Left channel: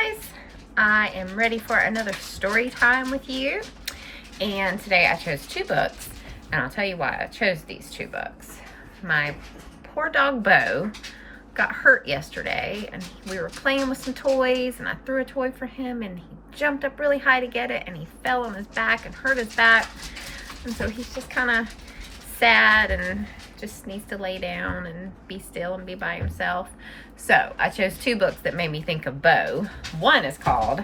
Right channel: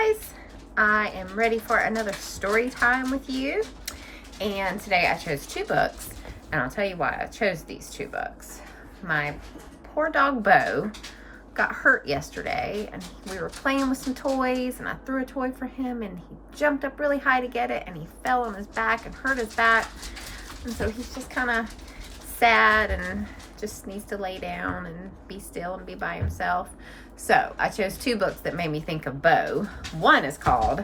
guys, I am ready for another story time with you, and today I chose two books, and I'll tell you why I chose these two books. My poor dog Bo got hurt yesterday, and we were playing with some toys, and I threw a toy for him, and he jumped up really high to get it, and he fell on his back and hurt his back, and so he's just kind of sad and just needs to lay down and be still and be by himself. So I chose two books that made me think of Bo. One is called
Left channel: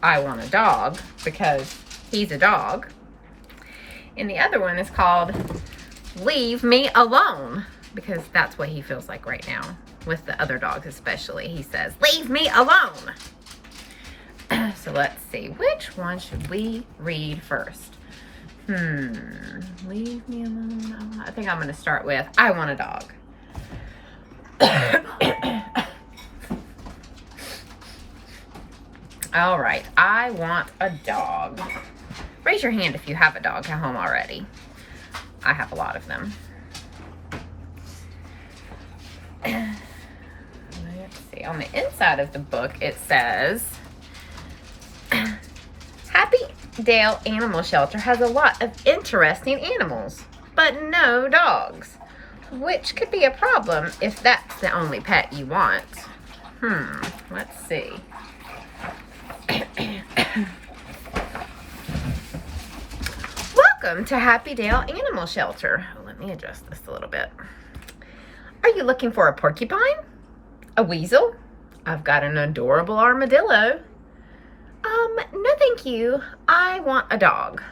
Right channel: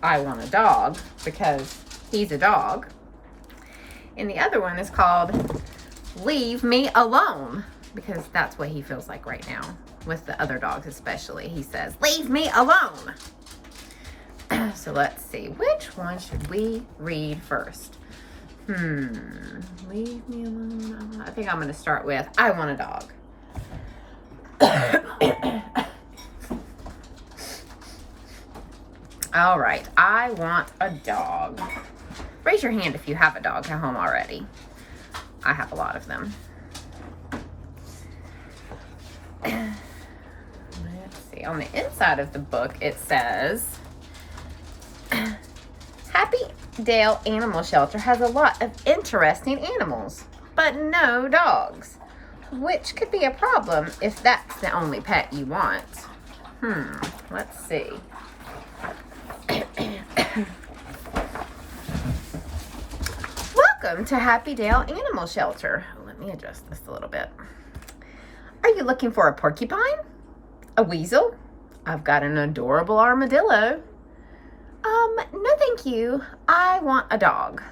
I Want a Dog, because he's a dog. And the other one is called Leave Me Alone, because that's what he feels like right now. With the other dogs especially. He says, leave me alone. So let's see. Which one should we read first? Leave me alone. I think I'm going to start with I Want a Dog. All right. I want a dog. Raise your hand if you have a dog at home already. I have a lot of them. Let's see. On the inside of the book, it says, Happy Dale Animal Shelter has a lot of interesting animals, but no dogs, which could be a problem if that's the only pet you want. Let's see. Welcome to Happy Dale Animal Shelter. Let me adjust this a little bit. Are you looking for a porcupine? A weasel? I've got an adorable armadillo. No thank you. I want a dog.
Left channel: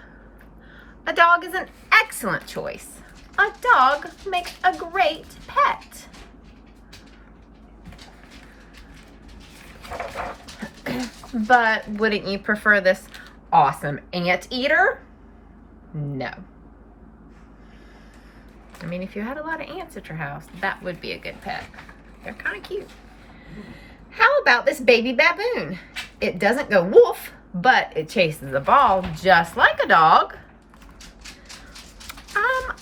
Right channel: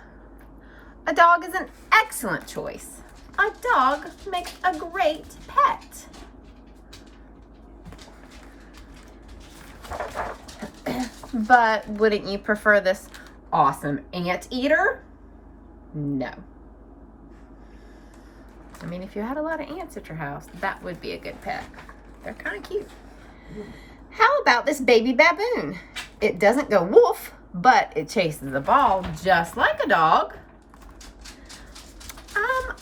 A dog is an excellent choice. A dog makes a great pet. But wouldn't you prefer this awesome anteater? No. I mean, if you had a lot of ants at your house, that would be a good pet. They're kind of cute. How about this baby baboon? It doesn't go woof, but it chases a ball just like a dog.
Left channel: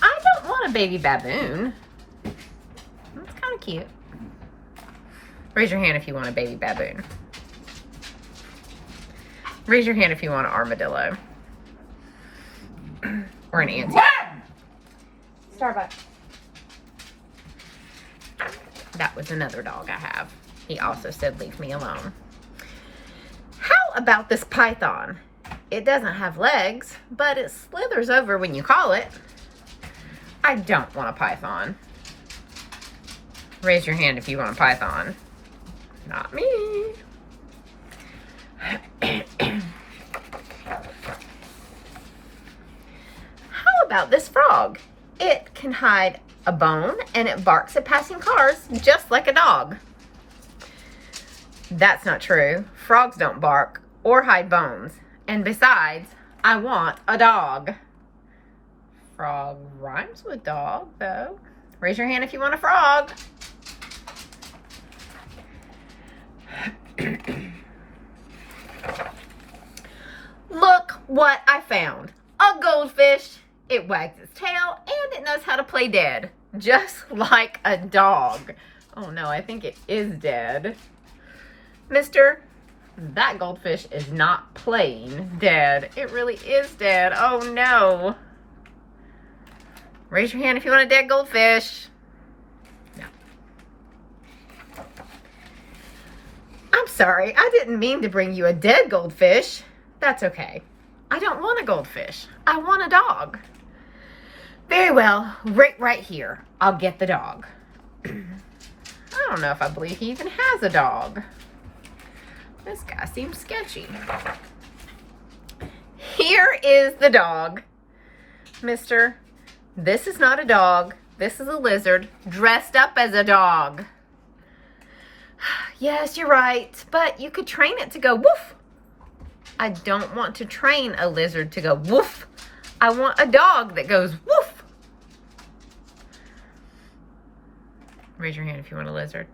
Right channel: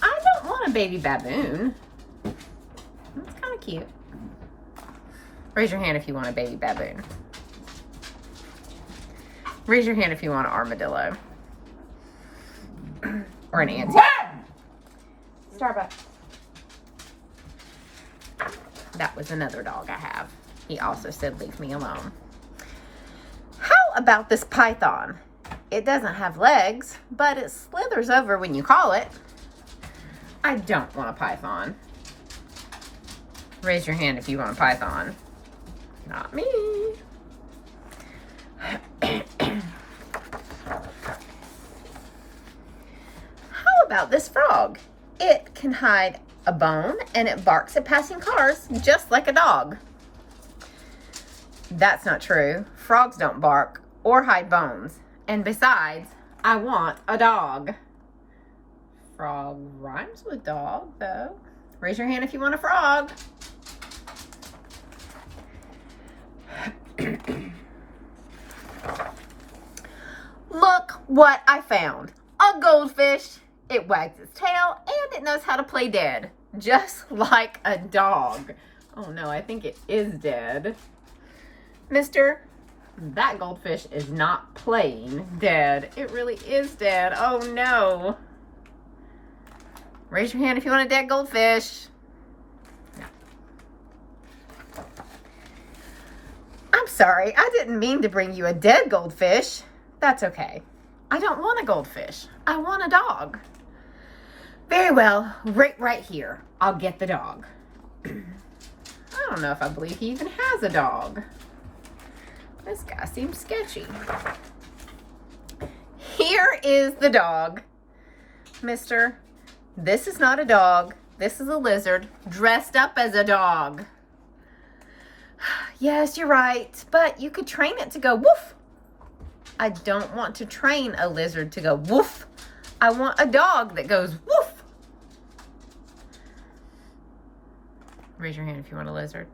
I don't want a baby baboon. That's kind of cute. Raise your hand if you want a baby baboon. Raise your hand if you want an armadillo. Or an anteater. Starbucks. That was another dog I have. He also said, leave me alone. How about this python? It doesn't have legs, but it slithers over when you call it. I don't want a python. Raise your hand if you want a python. Not me. How about this frog? It can hide a bone and it barks at passing cars just like a dog. That's not true. Frogs don't bark or hide bones. And besides, I want a dog. Frog rhymes with dog, though. Raise your hand if you want a frog. Look what I found. A goldfish. It wags its tail and it knows how to play dead. Just like a dog. Oh no, I think it is dead. Mister, that goldfish is not playing dead. It really is dead. Oh no. Raise your hand if you want a dead goldfish. No. I'm sorry, I didn't mean to bring you a dead goldfish. That's okay. I don't want a goldfish. I want a dog. Very well, right here. I'll get the dog. I don't know if I believe he even has a dog. This guy seems sketchy. Here is the dog. Mister, this is not a dog. This is a lizard dressed up as a dog. Yes, you're right, but you could train it to go woof. I don't want to train a lizard to go woof. I want a dog that goes woof. Raise your hand if you want a lizard.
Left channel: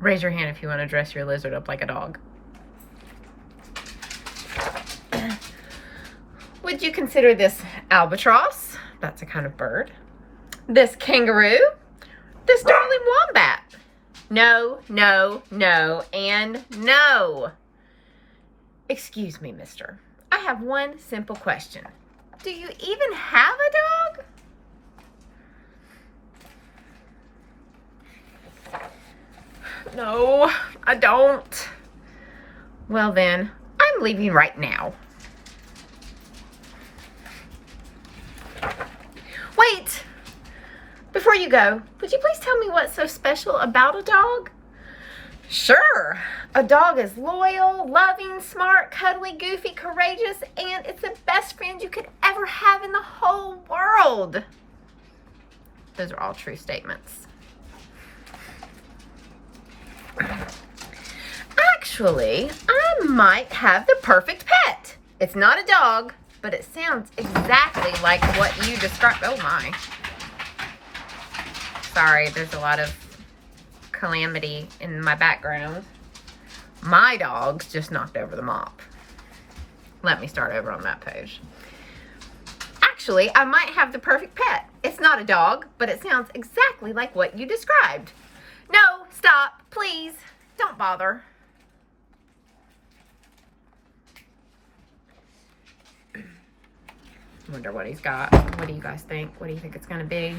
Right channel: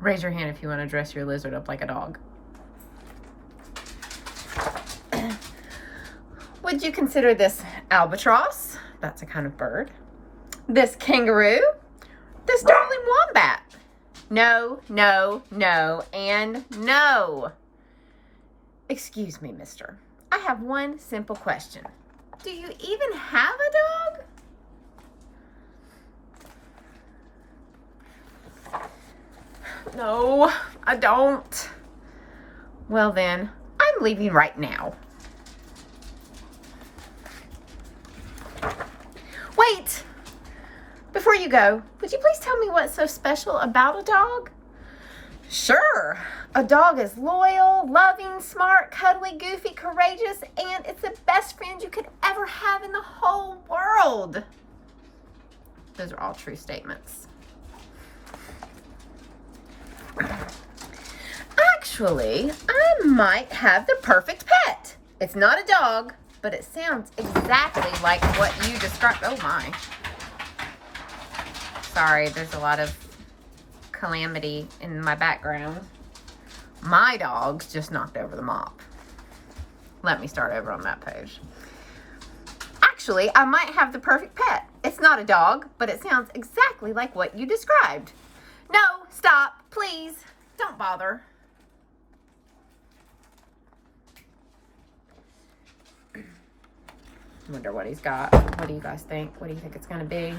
Raise your hand if you want to dress your lizard up like a dog. Would you consider this albatross? That's a kind of bird. This kangaroo? This darling wombat? No, no, no, and no. Excuse me, mister. I have one simple question. Do you even have a dog? No, I don't. Well then, I'm leaving right now. Wait! Before you go, would you please tell me what's so special about a dog? Sure. A dog is loyal, loving, smart, cuddly, goofy, courageous, and it's the best friend you could ever have in the whole world. Those are all true statements. Actually, I might have the perfect pet. It's not a dog, but it sounds exactly like what you described. Oh my. Sorry, there's a lot of calamity in my background. My dog's just knocked over the mop. Let me start over on that page. Actually, I might have the perfect pet. It's not a dog, but it sounds exactly like what you described. No, stop, please. Don't bother. Wonder what he's got. What do you guys think? What do you think it's gonna be?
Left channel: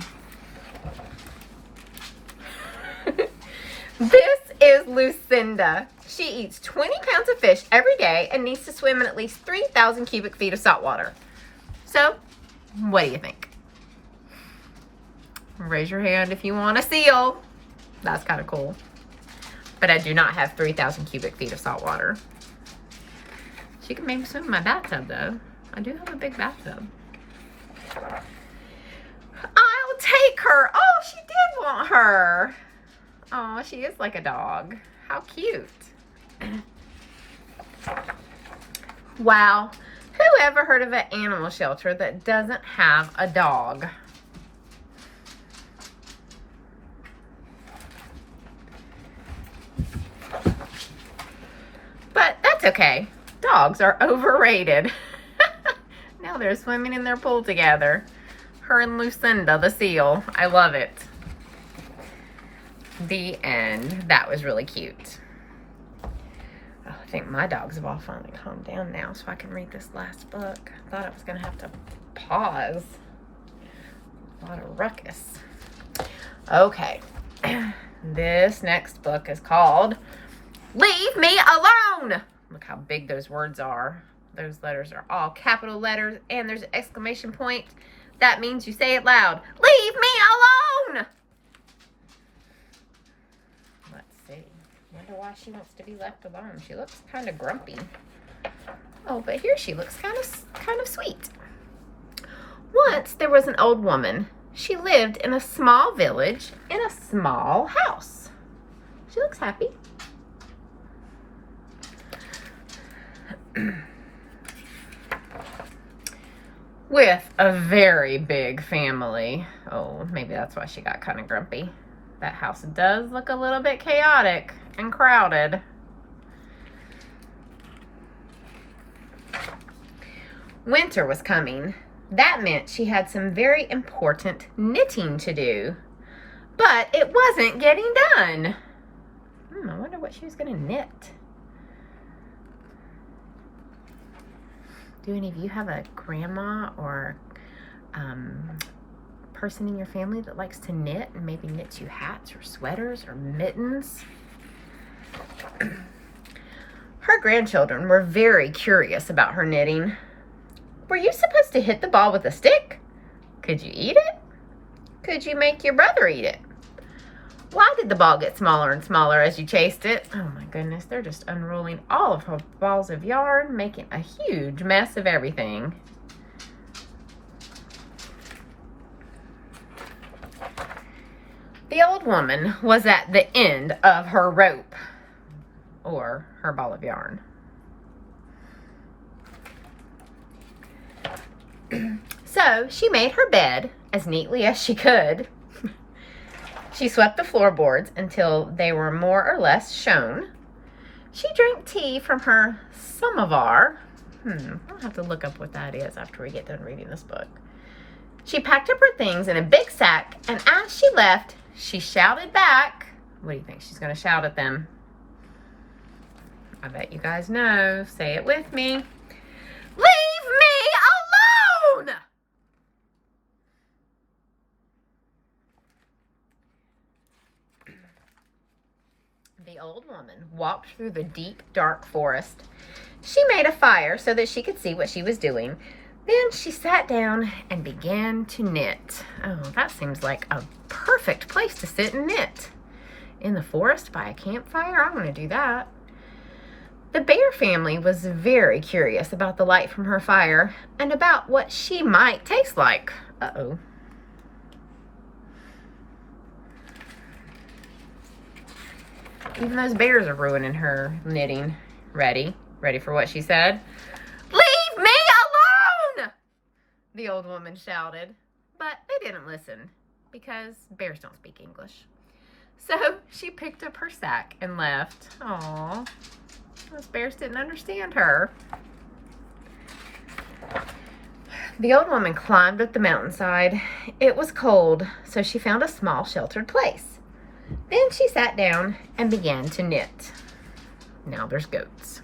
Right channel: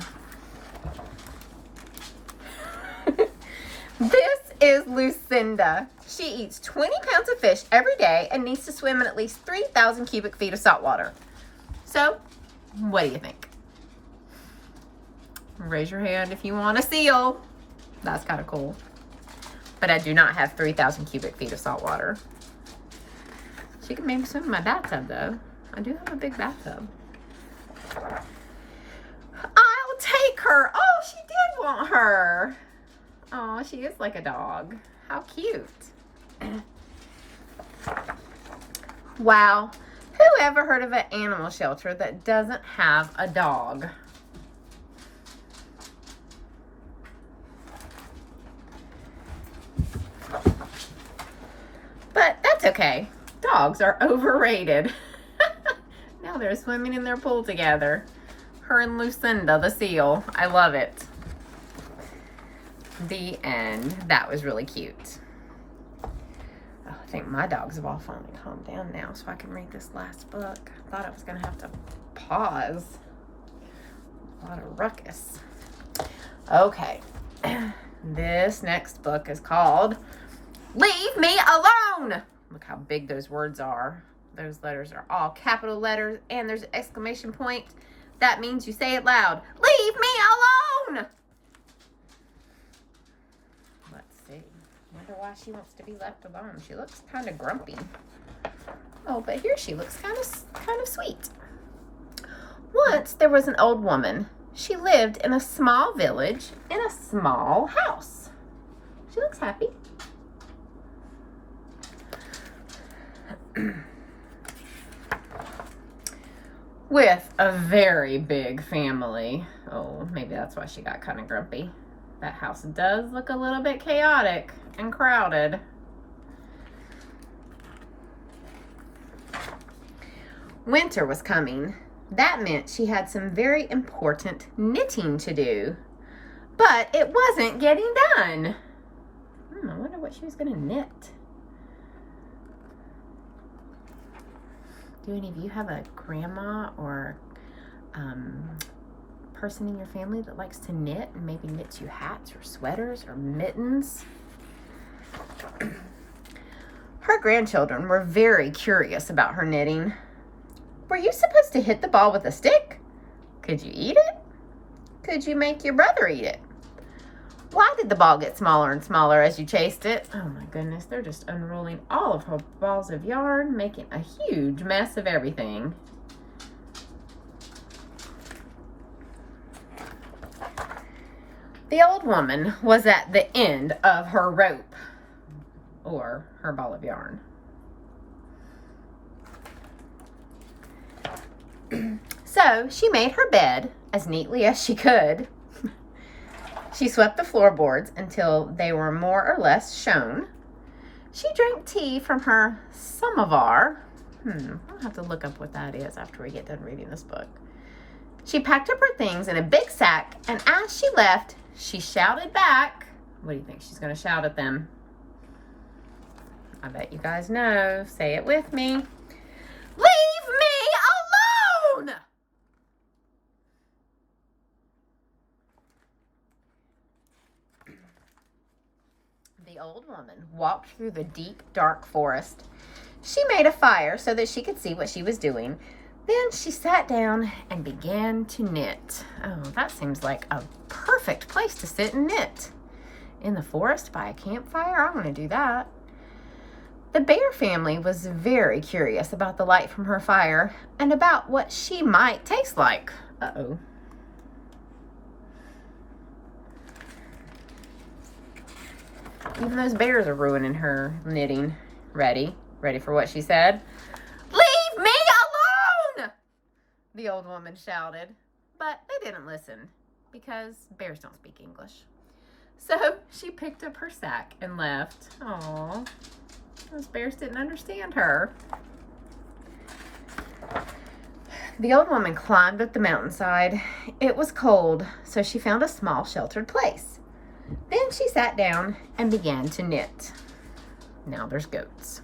This is Lucinda. She eats 20 pounds of fish every day and needs to swim in at least 3,000 cubic feet of salt water. So, what do you think? Raise your hand if you want a seal. That's kind of cool. But I do not have 3,000 cubic feet of salt water. She can maybe swim in my bathtub, though. I do have a big bathtub. I'll take her. Oh, she did want her. Oh, she is like a dog. How cute. Wow. Who ever heard of an animal shelter that doesn't have a dog? But that's okay. Dogs are overrated. Now they're swimming in their pool together. Her and Lucinda, the seal. I love it. The end. That was really cute. Oh, I think my dogs have all finally calmed down now so I can read this last book. I thought I was going to have to pause. A lot of ruckus. Okay. This next book is called Leave Me Alone. Look how big those words are. Those letters are all capital letters and there's an exclamation point. That means you say it loud. Leave me alone! Let's see. Wonder why she wants to be left alone. She looks kind of grumpy. Oh, but here she looks kind of sweet. Once there was an old woman. She lived in a small village in a small house. She looks happy. With a very big family. Oh, maybe that's why she got kind of grumpy. That house does look a little bit chaotic and crowded. Winter was coming. That meant she had some very important knitting to do. But it wasn't getting done. I wonder what she was going to knit. Do any of you have a grandma or person in your family that likes to knit and maybe knits you hats or sweaters or mittens? Her grandchildren were very curious about her knitting. Were you supposed to hit the ball with a stick? Could you eat it? Could you make your brother eat it? Why did the ball get smaller and smaller as you chased it? Oh my goodness, they're just unrolling all of her balls of yarn, making a huge mess of everything. The old woman was at the end of her rope, or her ball of yarn. So she made her bed as neatly as she could. She swept the floorboards until they were more or less shown. She drank tea from her samovar. I'll have to look up what that is after we get done reading this book. She packed up her things in a big sack, and as she left, she shouted back, What do you think she's going to shout at them? I bet you guys know. Say it with me. Leave me alone! The old woman walked through the deep, dark forest. She made a fire so that she could see what she was doing. Then she sat down and began to knit. Oh, that seems like a perfect place to sit and knit. In the forest by a campfire? I want to do that. The bear family was very curious about the light from her fire and about what she might taste like. Uh-oh. Even those bears are ruining her knitting. Ready? Ready for what she said? Leave me alone! The old woman shouted. But they didn't listen because bears don't speak English. So she picked up her sack and left. Aww. Those bears didn't understand her. The old woman climbed up the mountainside. It was cold, so she found a small sheltered place. Then she sat down and began to knit. Now there's goats.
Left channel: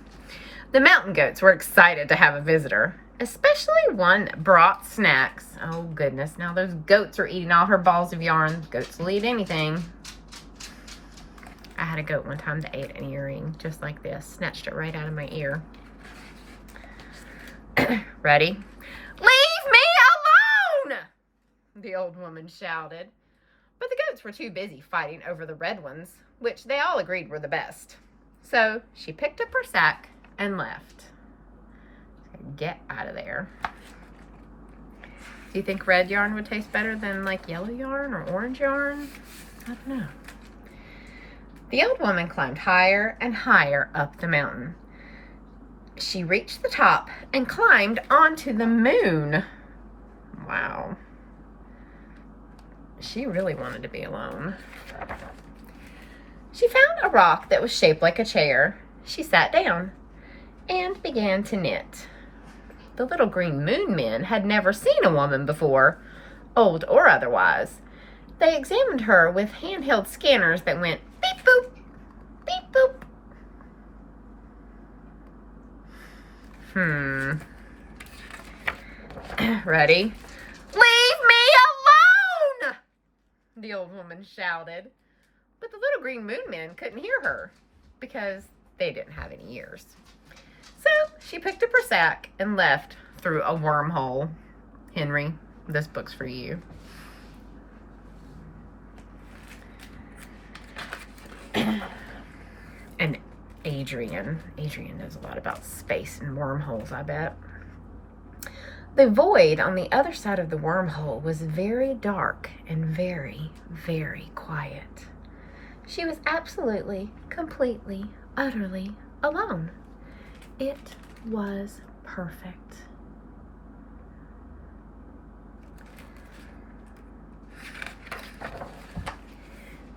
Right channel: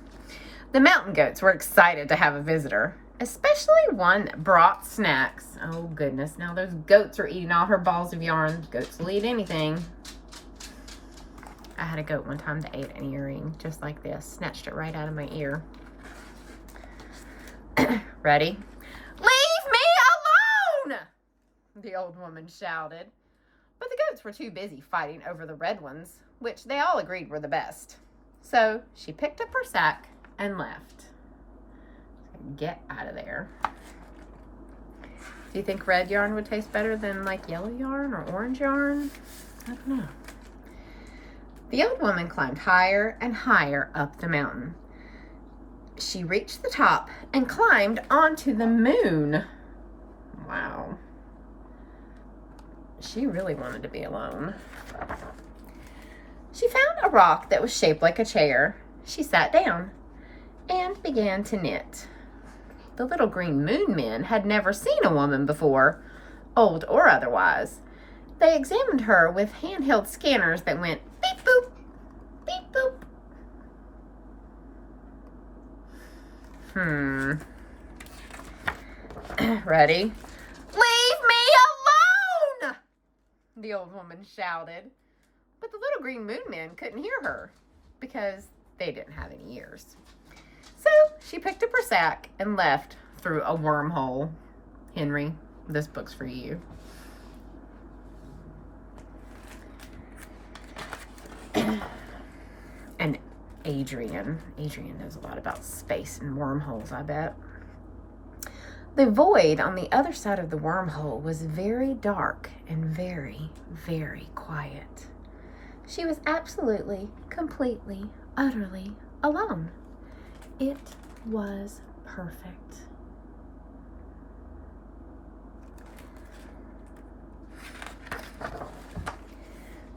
The mountain goats were excited to have a visitor, especially one that brought snacks. Oh goodness, now those goats are eating all her balls of yarn. Goats will eat anything. I had a goat one time that ate an earring just like this. Snatched it right out of my ear. Ready? Leave me alone! The old woman shouted. But the goats were too busy fighting over the red ones, which they all agreed were the best. So she picked up her sack and left. Get out of there. Do you think red yarn would taste better than like yellow yarn or orange yarn? I don't know. The old woman climbed higher and higher up the mountain. She reached the top and climbed onto the moon. Wow. She really wanted to be alone. She found a rock that was shaped like a chair. She sat down and began to knit. The little green moon men had never seen a woman before, old or otherwise. They examined her with handheld scanners that went beep boop, beep boop. Ready? Leave me alone! The old woman shouted. But the little green moon men couldn't hear her because they didn't have any ears. So she picked up her sack and left through a wormhole. Henry, this book's for you. And Adrian knows a lot about space and wormholes, I bet. The void on the other side of the wormhole was very dark and very, very quiet. She was absolutely, completely, utterly alone. It was perfect.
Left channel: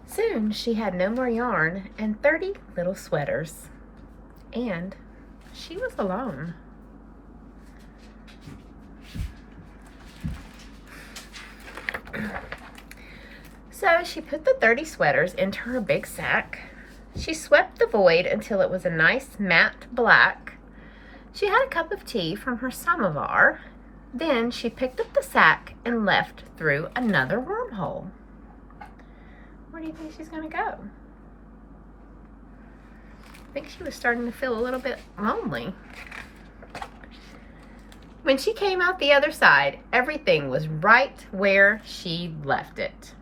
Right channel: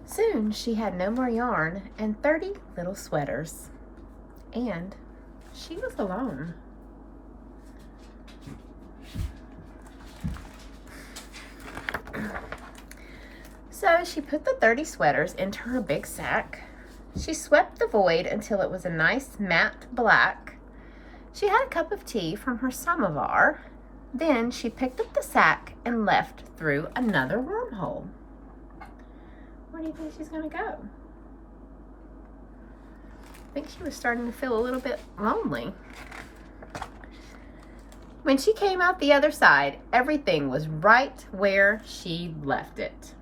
Soon she had no more yarn and 30 little sweaters. And she was alone. So she put the 30 sweaters into her big sack. She swept the void until it was a nice matte black. She had a cup of tea from her samovar. Then she picked up the sack and left through another wormhole. Where do you think she's going to go? I think she was starting to feel a little bit lonely. When she came out the other side, everything was right where she left it.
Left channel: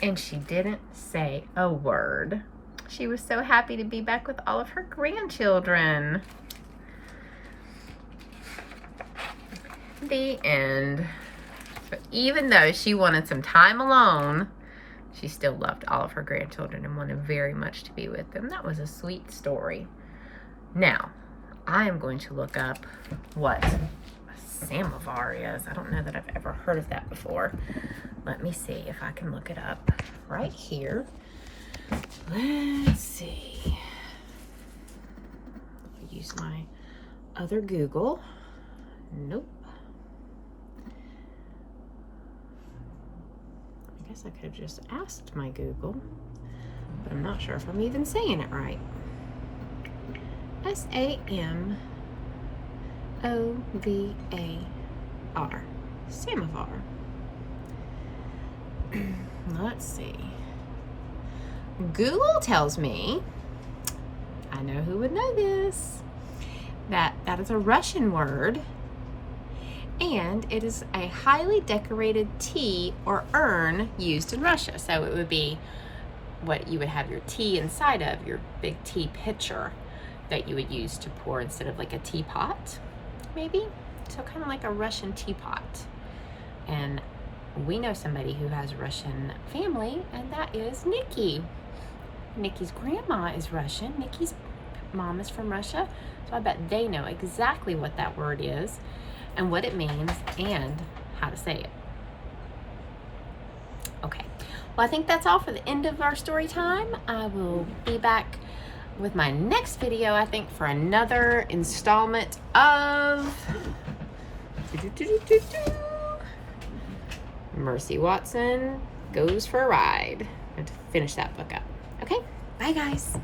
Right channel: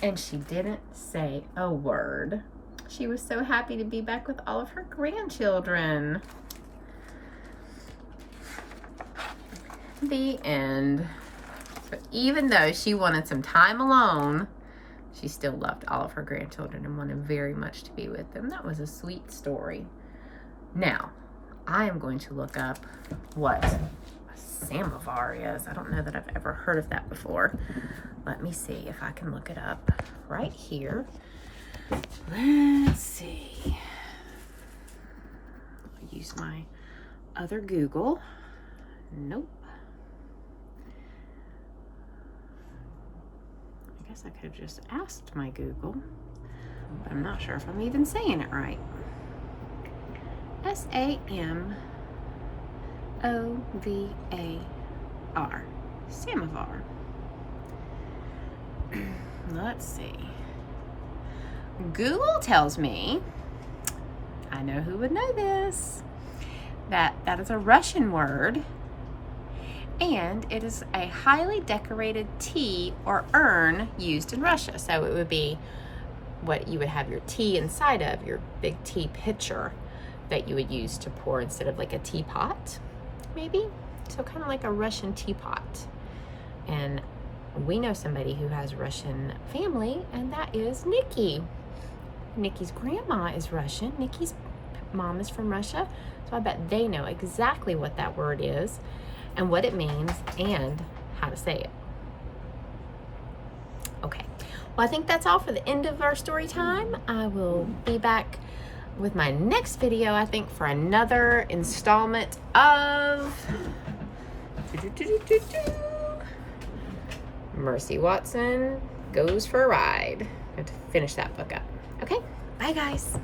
And she didn't say a word. She was so happy to be back with all of her grandchildren. The end. So even though she wanted some time alone, she still loved all of her grandchildren and wanted very much to be with them. That was a sweet story. Now, I am going to look up what a samovar is. I don't know that I've ever heard of that before. Let me see if I can look it up right here. Let's see. I'll use my other Google. Nope. guess I could have just asked my Google, but I'm not sure if I'm even saying it right. S-A-M-O-V-A-R. Samovar. Let's see. Google tells me, I know who would know this, that is a Russian word, and it is a highly decorated tea or urn used in Russia. So it would be what you would have your tea inside of, your big tea pitcher that you would use to pour instead of like a teapot, maybe. So kind of like a Russian teapot. And we know somebody who has Russian family, and that is Nikki. Nikki's grandma is Russian. Nikki's mom is from Russia. So I bet they know exactly what that word is and what it means and how to say it. Okay, well, I think that's all for the end of our story time. I will be back with my next video, I think, for another installment of Mercy Watson Goes for a Ride. I have to finish that book up. Okay, bye guys.